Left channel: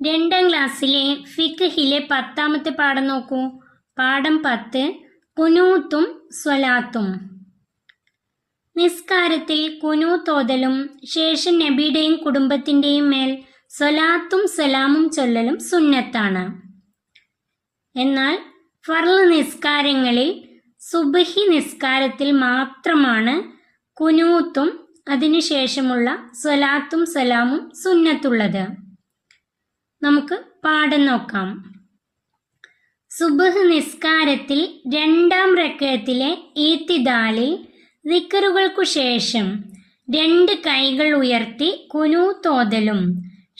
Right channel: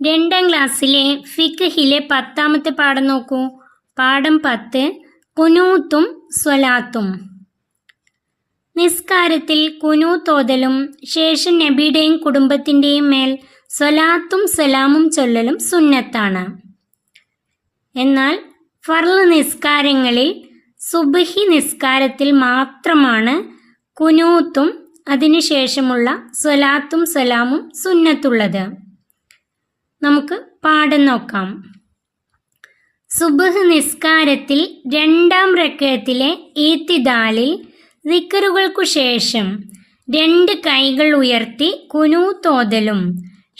2ാം ക്ലാസ്സിലെ ഫിഖ്ഹിലെ 10ാമത്തെ പാഠം നോക്കൂ. പാഠം 10 കുനൂത്തും സ്വലാത്തും. നിസ്കാരത്തിൽ കുനൂത്ത് ഓതലും ശേഷം നബിയുടെയും കുടുംബത്തിൻ്റെയും മേൽ സ്വലാത്തും സലാമും ചൊല്ലലും സുന്നത്താണ്. എന്നാൽ ഫർള് നിസ്കാരങ്ങളിൽ സുബ്ഹി നിസ്കാരത്തിൽ മാത്രമാണ് കുനൂത്തും അതിനുശേഷമുള്ള സ്വലാത്തും സലാമും സുന്നത്തുള്ളത്. നമുക്ക് പാഠം നോക്കാം. സുബ്ഹ് നിസ്കാരത്തിൽ 2ാം റക്അത്തിലെ ഈത്തിദാലിൽ ദിക്റുകൾക്കു ശേഷം 2 കൈകൾ ഉയർത്തി കുനൂത്ത് ഓതലും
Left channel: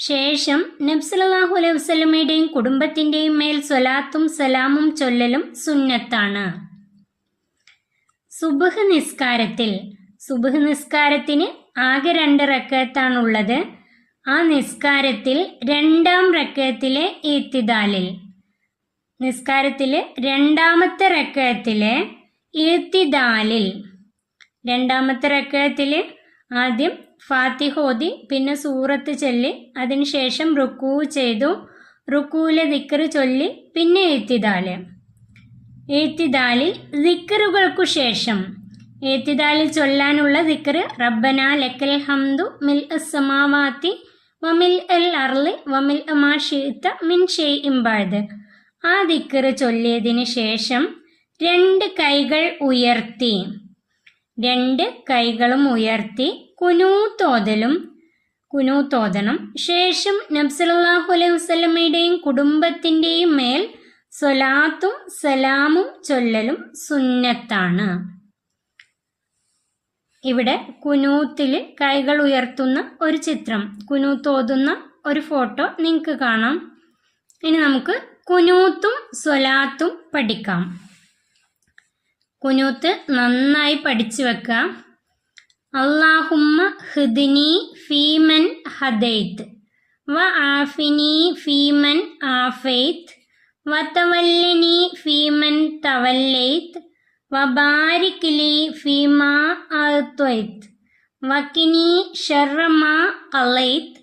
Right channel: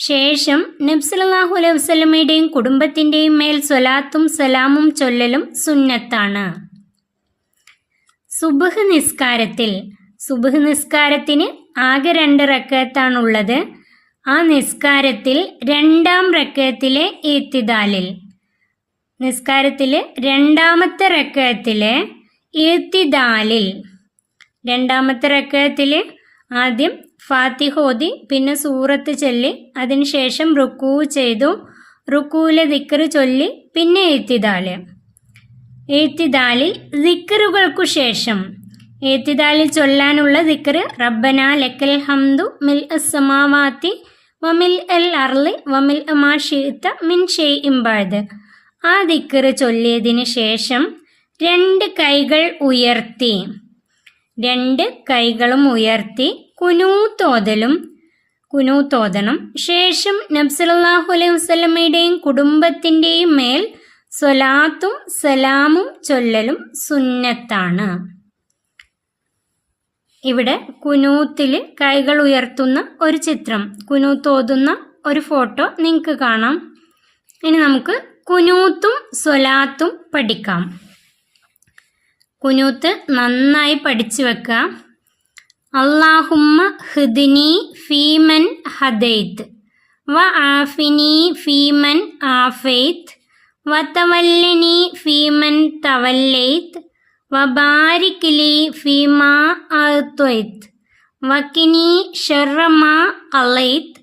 ശേഷം നബി സല്ലല്ലാഹു അലൈഹി വസല്ലമയുടെയും കുടുംബത്തിൻ്റെയും മേൽ സ്വലാത്തും സലാമും ചൊല്ലലും സുന്നത്താണ്. സുബ്ഹ് നിസ്കാരത്തിന് ആകെ 2 റക്അത്താണുള്ളത്. ആ നിസ്കാരത്തിൽ 2ാം റക്അത്തിലെ ഈത്തിദാലിൽ, നിസ്കാരത്തിൽ 2ാമത്തെ റക്അത്തിലെ ഈത്തിദാലിൽ, 2ാമത്തെ റക്അത്തിൽ ആദ്യം ഫാത്തിഹ ഓതി പിന്നെ സൂറത്ത് ചൊല്ലി അതിനുശേഷം റുക്കൂ ചെയ്തു, റുക്കൂലെ ദിക്ർ ചൊല്ലി പിന്നെ ഈത്തിദാലിൽ ദിക്റുകൾക്കു ശേഷം ഈത്തിദാലിൽ ചൊല്ലാനുള്ള ദിക്ർ റബ്ബന ലക്കൽ ഹംദു മിൽ അസ്സമാവാതി വമിൽ അൽ അർളി വമിൽ മാ ശിഅത മിൻ ഷൈഇൻ ബഅദ്. ആ ദിക്ർ ചൊല്ലിയതിന് ശേഷം 2 കൈകൾ ഉയർത്തി, 2 കൈകളും ഉയർത്തി കുനൂത്ത് ഓതണം. ശേഷം നബി സല്ലല്ലാഹു അലൈഹി വസല്ലമയുടെയും കുടുംബത്തിൻ്റെയും മേൽ സ്വലാത്തും സലാമും ചൊല്ലലും സുന്നത്താണ്. ഇവിടെ കുനൂത്തിൽ കൈകൾ ഉയർത്തുന്ന ഒരു ചിത്രം, കുനൂത്ത് ഓതുന്ന ഒരു ഫോട്ടോ നിങ്ങൾക്ക് കാണാം. ഇനി നമുക്ക് കുനൂത്തും സ്വലാത്തും പഠിക്കാം. കുനൂത്ത് നന്നായി പഠിച്ചു വെക്കാം. അല്ലാഹുമ്മ ഹ്ദിനി ഫീമൻ ഹദൈത് വ ആഫിനി ഫീമൻ ആഫൈത് വ തവല്ലനി ഫീമൻ തവല്ലൈത് വബാരിക് ലി ഫീമാ അഅ്തൈത് വഖിനി ശർറ മാ ഖളൈത്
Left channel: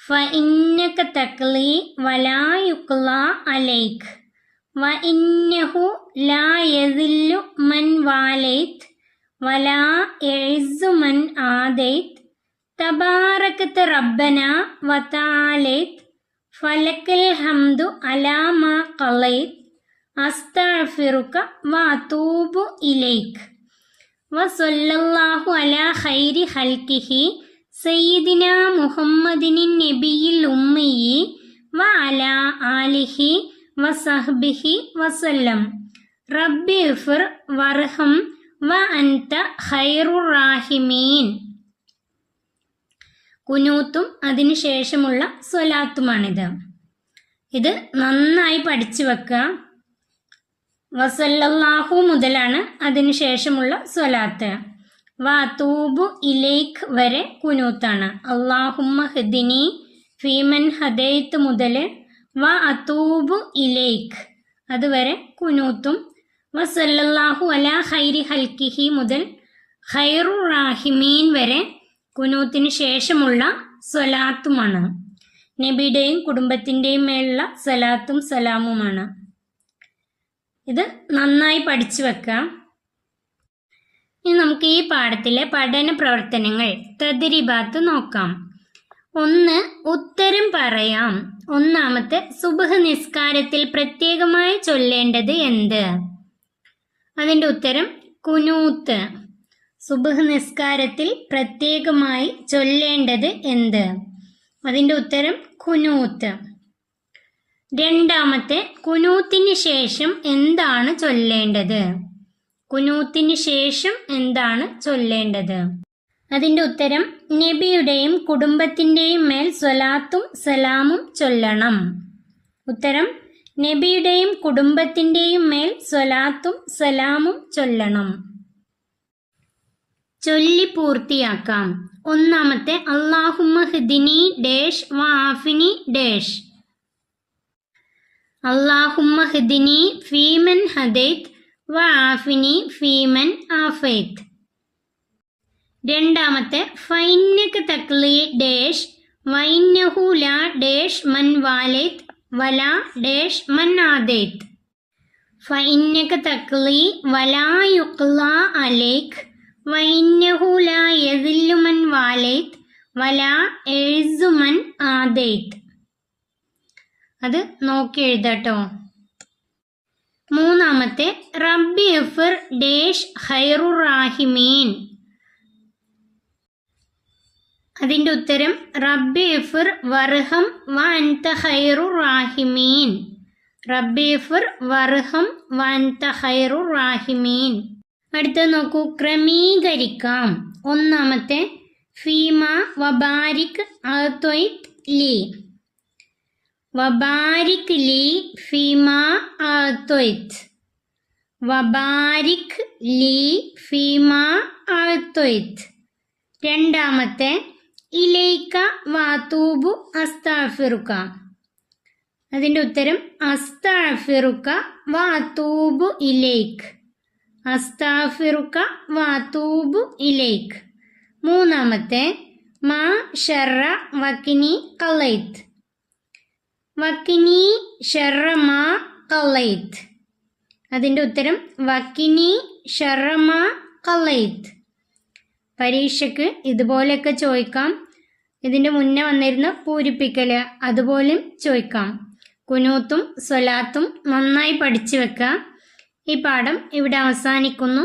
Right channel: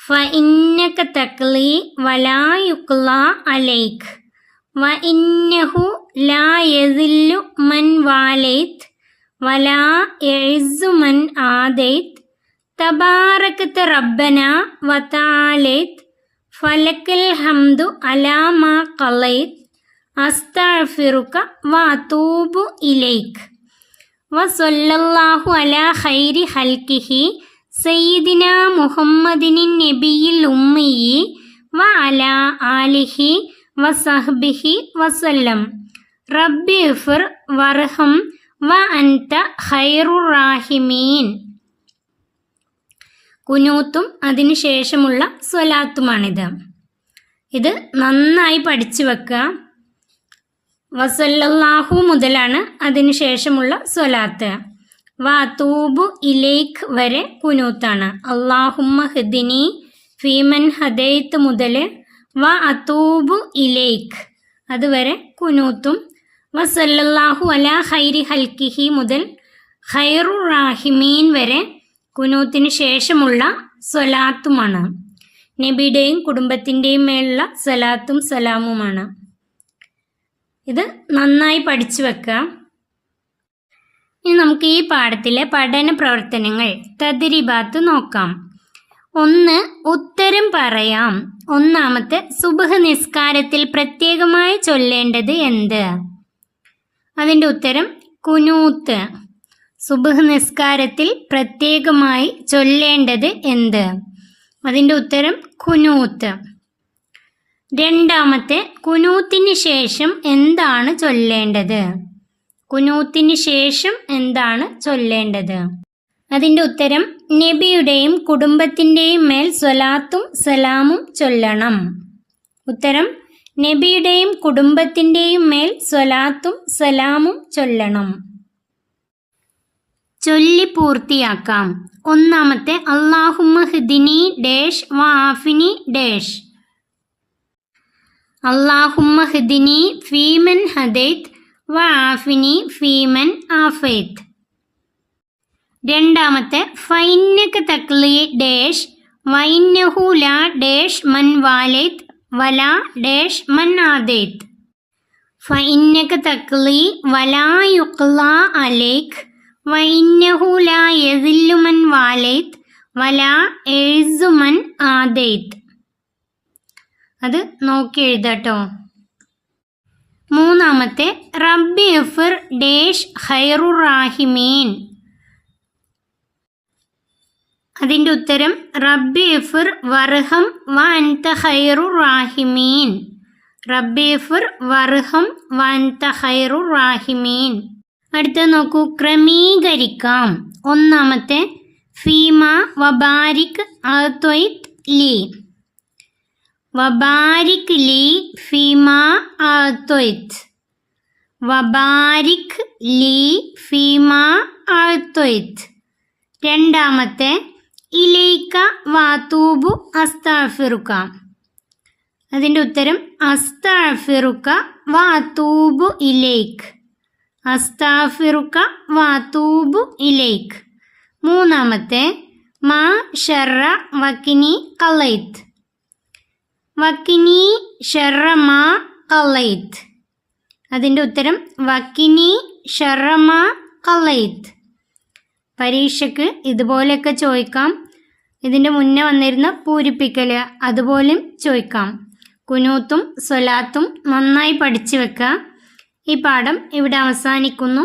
ഫഇന്നക തഖ്ലി വലാ യുഖ്ലാ അലൈക് വഇന്നഹു ലാ യസില്ലു മൻ വാലൈത് വലാ യഇസ്സു മൻ ആദൈത് തബാറകത റബ്ബന വതആലൈത് ഫലക്കൽ ഹംദു അലാ മാ ഖളൈത് അസ്തഗ്ഫിറുക വഅതൂബു ഇലൈക് വസല്ലല്ലാഹു അലാ ഖൈരി ഖൽഖിഹി സയ്യിദിനാ മുഹമ്മദിനിൻ നബിയിൽ ഉമ്മിയി വഅലാ ആലിഹി വസഹ്ബിഹി വസല്ലം. റബ്ബി ഇഗ്ഫിർ വർഹം വഅൻത ഖൈറുർ റാഹിമീൻ. കുനൂത്തും അതിനുശേഷമുള്ള സ്വലാത്തുമാണിത്. ഇത് നന്നായി പഠിച്ചു വെക്കുക. വസല്ലല്ലാഹു മുതലാണ് അതിനുശേഷമുള്ള സ്വലാത്ത്. വഅതൂബു ഇലൈക് വരെ കുനൂത്താണ്. അല്ലാഹുമ്മ ഹ്ദിനി ഫീമൻ ഹദൈത് മുതൽ വഅതൂബു ഇലൈക് അതുവരെ കുനൂത്തും. വസല്ലല്ലാഹു അലാ ഖൈരി ഖൽഖിഹി മുതൽ ഖൈറുർ റാഹിമീൻ വരെ കുനൂത്തിന് ശേഷമുള്ള സ്വലാത്തുമാണ്. നബിയുടെയും കുടുംബത്തിൻ്റെയും മേലുള്ള സ്വലാത്തും സലാമുമാണ്. ഇത് നന്നായി പഠിച്ചു വെക്കാം. ഇനി നമുക്ക് ഈ പാഠത്തിലെ പഠന പ്രവർത്തനങ്ങൾ തദ്രീബാത്ത് നോക്കാം. 1. ഉത്തരം പറയാം. 1ാമത്തെ സുബ്ഹ് നിസ്കാരത്തിൽ പ്രത്യേകമായി ചൊല്ലേണ്ടത് എന്ത്? അതിൻ്റെ ഉത്തരം കുനൂത്ത്. സുബ്ഹ് നിസ്കാരത്തിൽ പ്രത്യേകമായി ചൊല്ലേണ്ടത് എന്ത്? അതിൻ്റെ ഉത്തരം കുനൂത്ത്. 2ാമത്തെ കുനൂത്തിന് ശേഷം എന്താണ് ചൊല്ലേണ്ടത്? കുനൂത്തിന് ശേഷം എന്താണ് ചൊല്ലേണ്ടത്? അതിൻ്റെ ഉത്തരം നബിയുടെയും കുടുംബത്തിൻ്റെയും മേൽ സ്വലാത്തും സലാമും ചൊല്ലണം. ഉത്തരം നബിയുടെയും കുടുംബത്തിൻ്റെയും മേൽ സ്വലാത്തും സലാമും ചൊല്ലണം. ചൊല്ലി പൂർത്തിയാക്കാം. 1ാമത്തെ അല്ലാഹുമ്മ ഹ്ദിനി ഡാഷ് വ ആഫിനി ഡാഷ്. അല്ലാഹുമ്മ ഹ്ദിനി ഫീമൻ ഹദൈത് വ ആഫിനി ഫീമൻ ആഫൈത്. 2ാമത്തെ ഫഇന്നക തഖ്ലി ഡാഷ് വൈന്നഹു ലാ ഡാഷ് മൻ വാലൈത് വലാ ഡാഷ് മൻ ആദൈത്. ഫഇന്നക തഖ്ലി വലാ യുഖ്ലാ അലൈക് വഇന്നഹു ലാ യസില്ലു മൻ വാലൈത് വലാ എഴുസു മൻ ആദൈത്. അത് നോക്കി എഴുതാട്ടോ. മൂന്നാമത്തെ റബ്ബി ഇഫ്ർ ഡാഷ് ഖൈറുർ റാഹിമീൻ. അതിൻ്റെ ഉത്തരം റബ്ബി ഇഫ്ർ വർഹം വ അൻത ഖൈറുർ റാഹിമീൻ. റബ്ബി ഇഫ്ർ വർഹം വ അൻത ഖൈറുർ റാഹിമീൻ. അടുത്തത് നോക്കൂ, ക്രമീകരിക്കാം. ഒന്നാമത്തെ ഫീമ വബാരിക് അത്വൈത് ലി. വബാരിക് ലി ഫീമ അത്വൈത്. വബാരിക് ലി ഫീമ അത്വൈത്. രണ്ടാമത്തെ ഇലൈക വാതൂബു അസ്തഗ്ഫിറുക. അതിൻ്റെ ഉത്തരം അസ്തഗ്ഫിറുക വാതൂബു ഇലൈക്. അസ്തഗ്ഫിറുക വാതൂബു ഇലൈക്. മൂന്നാമത്തെ മാ ശർറ വക്കിനി ഖലൈത്. വക്കിനി ശർറ മാ ഖലൈത്. അതിൻ്റെ ഉത്തരം വക്കിനി ശർറ മാ ഖലൈത്. പരീക്ഷയ്ക്ക് ഇതുപോലെയൊക്കെ ചോദിക്കാം. ഇതിൻ്റെ മുന്നേ വന്നിരുന്ന പൂരിപ്പിക്കൽ അതുപോലും ചോദിക്കാം. കുനൂത്തും സ്വലാത്തും നന്നായി പഠിച്ചു വെക്കുക. ഈ പാഠം ഇവിടെ അവസാനിക്കുന്നു.